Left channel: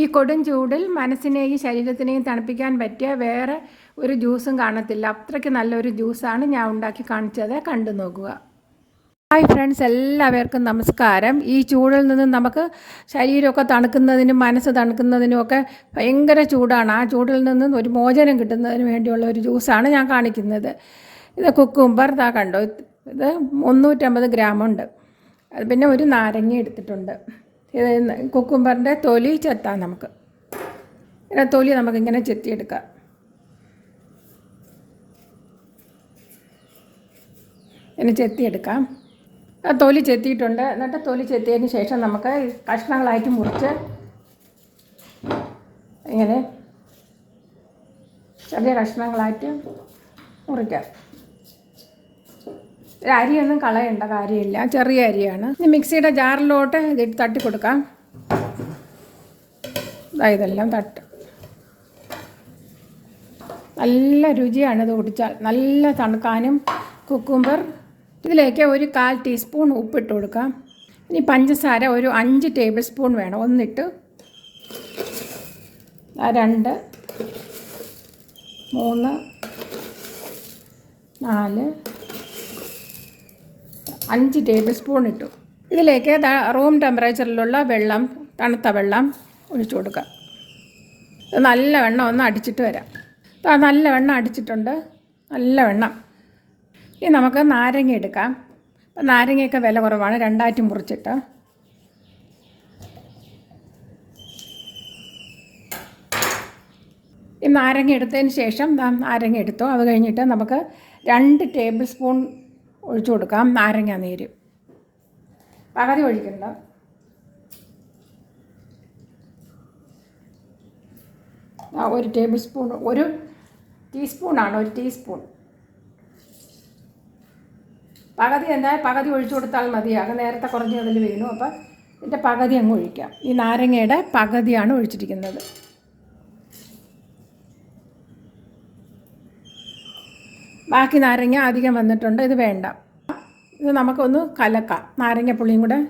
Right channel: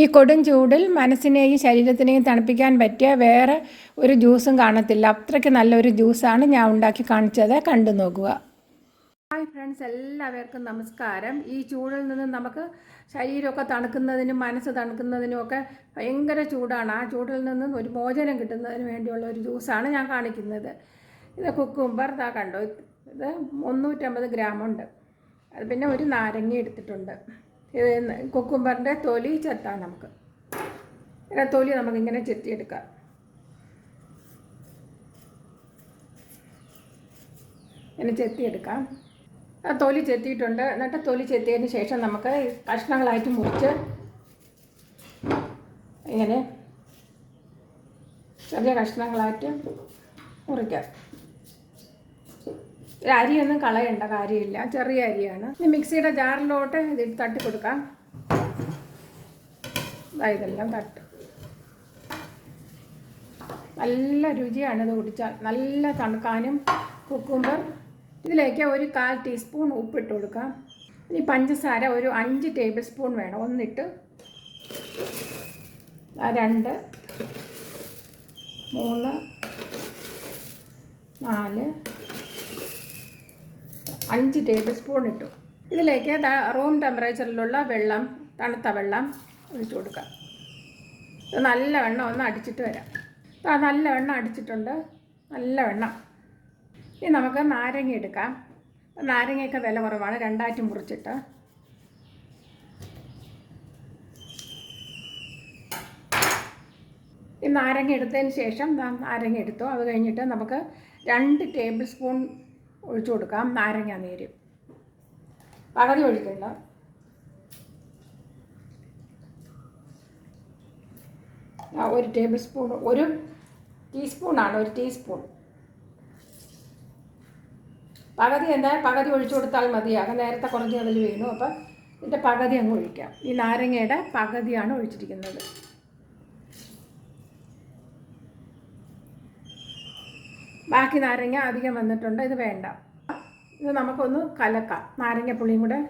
ഈ കൊടും ചൂടിൽ മനസ്സിനെയും ശരീരത്തിനെയും തണുപ്പിക്കാൻ പറ്റിയ വേറെ ഒരു ജ്യൂസും കാണത്തില്ല. അത്രയ്ക്ക് നല്ലൊരു ജ്യൂസാണ് ഞാൻ ഉണ്ടാക്കി കാണിച്ചത്. കണ്ടു നോക്കുക. ഹായ് ഫ്രണ്ട്സ് എല്ലാവർക്കും നമസ്കാരം. ഈ ചൂടിൽ നിന്ന് നമുക്ക് ശരീരമൊക്കെ തണുക്കുന്നതിനും മനസ്സ് തണുക്കുന്നതിനും ഒക്കെ ഭയങ്കര ചൂടാണ്. ആ ചൂടിൽ നിന്ന് ഒരു മോചനം കിട്ടുന്നതിന് വേണ്ടിയുള്ള ഒരു ജ്യൂസാണ് ഞാൻ കാണിക്കുന്നത്. ഇത് കുക്കുംബർ താ കണ്ടോ? ഇത് മുന്നൂറ്റമ്പത് ഗ്രാമുണ്ട്. പിന്നെ ഒരു നാരങ്ങ എടുത്തിട്ടുണ്ട്. കുക്കുംബറിന്റെ തൊലി ചെത്താം നമുക്ക്. ഇങ്ങനെ തൊലി നമുക്കിങ്ങനെ ചെത്തിയെടുക്കാം. ഇങ്ങനെ ചെത്തിയെടുക്കാം. തൊലി ചെത്തിയിട്ടുണ്ട്. എന്നിട്ട് തൊലി ചെത്തിയതിന് ശേഷം നമുക്ക് കഷ്ണങ്ങളായിട്ട് മുറിച്ച് ഇങ്ങനെ ചെറിയ കഷ്ണങ്ങളായിട്ട് മുറിക്കാം. അരിയൊന്നും കളയേണ്ട കാര്യമില്ല. ചെറിയ അരിയാണ്. ഇനി മിക്സിയുടെ ജാറിലോട്ട് ഇത് തട്ടി കൊടുക്കാം. ഇതെല്ലാം തട്ട്. നല്ല രുചിയാണ് ഇത് കുടിച്ചാൽ. നല്ല തണുക്കാനും കുക്കുംബർ. ഇതിലേക്ക് ഒരു കാൽ ടീസ്പൂൺ ഉപ്പിട്ട് കൊടുക്കാം. ഇനി പഞ്ചസാര ഒരു അഞ്ച് ടേബിൾ സ്പൂൺ വേണം. ഒന്നിട്ട്. രണ്ട്. മൂന്ന്. നാല്. അഞ്ച് ടേബിൾ സ്പൂൺ ഇട്ടു. ഇതിലേക്ക് റൂം ടെമ്പറേച്ചറിലുള്ള വെള്ളം തണുത്ത വെള്ളം ഒഴിച്ചു കൊടുക്കുക ഇത് നല്ല വെണ്ണം ഒന്ന് അടിച്ചിട്ട് വരാം. നല്ല വെണ്ണം അടിച്ചിട്ടുണ്ട്. നല്ല വെണ്ണം ഇനി നമുക്ക് നാരങ്ങ എടുക്കാം. അപ്പം നാരങ്ങയൊക്കെ വില കുറവാണ്. രണ്ടായിട്ട് മുറിച്ചിട്ട്. ഈ നാരങ്ങ എടുത്തതിന് ശേഷം നാരങ്ങ എടുത്തു. അത് കഴിഞ്ഞിട്ട് നമുക്ക് രണ്ട് ടേബിൾ സ്പൂൺ ഒഴിച്ചു കൊടുക്കാം. നാരങ്ങ നീര്. പകുതി ഒഴിക്കണ്ട. ഒരു ടേബിൾ സ്പൂൺ ഒരു ടീസ്പൂണാണ് ഒരു ടീസ്പൂൺ. പകുതി എന്താ പകുതി ഒഴിച്ചു കൊടുത്താൽ മതിയാകും നേരത്തെ കുറഞ്ഞ് അതിൽ വീണു. അപ്പോൾ ഇതിന്റെ പകുതി അങ്ങ് ഒഴിക്കാം. ഈ നാരങ്ങയുടെ പകുതിയാണ് ഒഴിച്ചിരിക്കുന്നത്. ബാക്കി നാരങ്ങ അധികം വന്നിട്ടുണ്ട്. ഇത് വേണ്ട. ഇത് നമുക്കൊന്ന് കലക്കാം. നാരങ്ങ പുളിയും കൂടെ.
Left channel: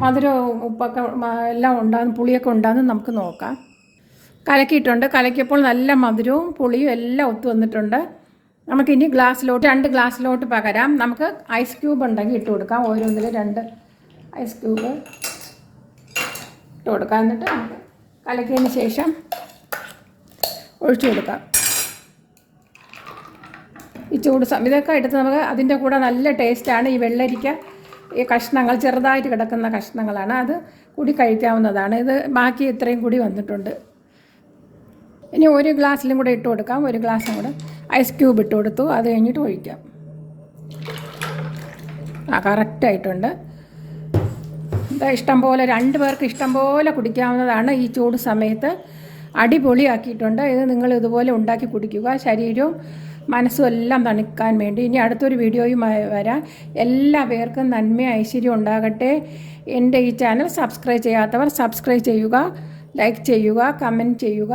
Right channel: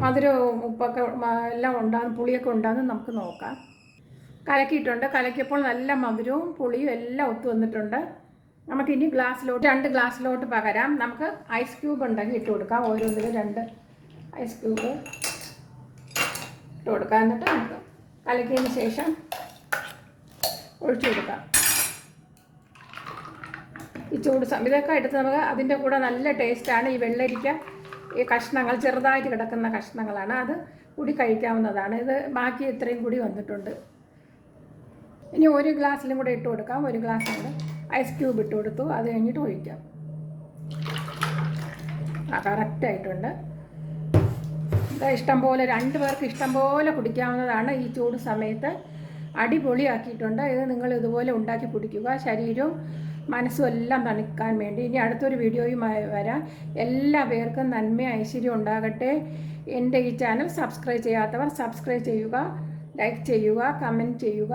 മധുരവും ഉപ്പൊക്കെ എല്ലാം ഉണ്ടാകും പുളിയൊക്കെ ഉണ്ടാകുന്ന നമുക്ക് നോക്കാം. കലക്കിയിട്ടുണ്ട്. കലക്കിയപ്പോൾ നല്ല മധുരവും പുളിയും എല്ലാം ഒത്തു വന്നിട്ടുണ്ട്. നമുക്കിനി ഗ്ലാസ്സിലോട്ട് രണ്ട് ഗ്ലാസ്സിലോട്ട് പകരാം. നമുക്ക് ഐസ് ക്യൂബ് ഉണ്ടെങ്കിൽ ഇട്ട് കൊടുക്കാം. ഓരോന്നിൽ രണ്ട് ഐസ് ക്യൂബ് ഇട്ട് കൊടുക്കാം. എന്നിട്ട് നമുക്ക് കലക്കിയതിന് ശേഷം ഒഴിച്ചു കൊടുക്കാം. ഈ ചൂട് ഇതൊക്കെ എടുത്ത് നമുക്ക് അതിന്റെ കൂടെ നല്ല ടേസ്റ്റാണ് ഈ വെള്ളരിക്ക ഈ കഷ്ണങ്ങൾ ചെറുതായിട്ട് കിടക്കുന്ന കഷ്ണങ്ങളാണ്. അത് കൂടി കഴിക്കാവുന്നതാണ്. ഇത് ബാക്കി ഇത്രയും കൂടി വന്നിട്ടുണ്ട്. ഇനി ഒരു ഗ്ലാസ്സിലും കൂടെ ഇട്ട് കൊടുക്കാം. ഒരു ഗ്ലാസ്സും കൂടെ ഐസ് ക്യൂബ് ഇട്ട് കൊടുത്തു. അത് കഴിഞ്ഞിട്ട് ഒഴിക്കാം. ആ കറക്റ്റായിട്ടുണ്ട് ഇതാ ഇഷ്ടം പോലെ രണ്ട് പേർക്ക് ഇഷ്ടം പോലെ കുടിക്കാവുന്നതാണ് ഈ ചൂട് സമയത്ത്. അടിപൊളിയാക്കിയിട്ടുണ്ട്. ഇത് നിങ്ങൾ ഇതുപോലെ ഉണ്ടാക്കി കുടിക്കുക. ശരീരവും മനസ്സും എല്ലാം തണുക്കാൻ വേണ്ടി. ഇനി അടുത്തൊരു വീഡിയോയുമായി വരാം. എല്ലാ പേർക്കും നന്മ ഐശ്വര്യം ഉണ്ടാകട്ടെ. എന്റെ ഈ ചാനൽ സബ്സ്ക്രൈബ് ചെയ്യാത്തവർ സബ്സ്ക്രൈബ് ചെയ്യുക ലൈക്ക് ചെയ്യുക കമന്റ് ചെയ്യുക.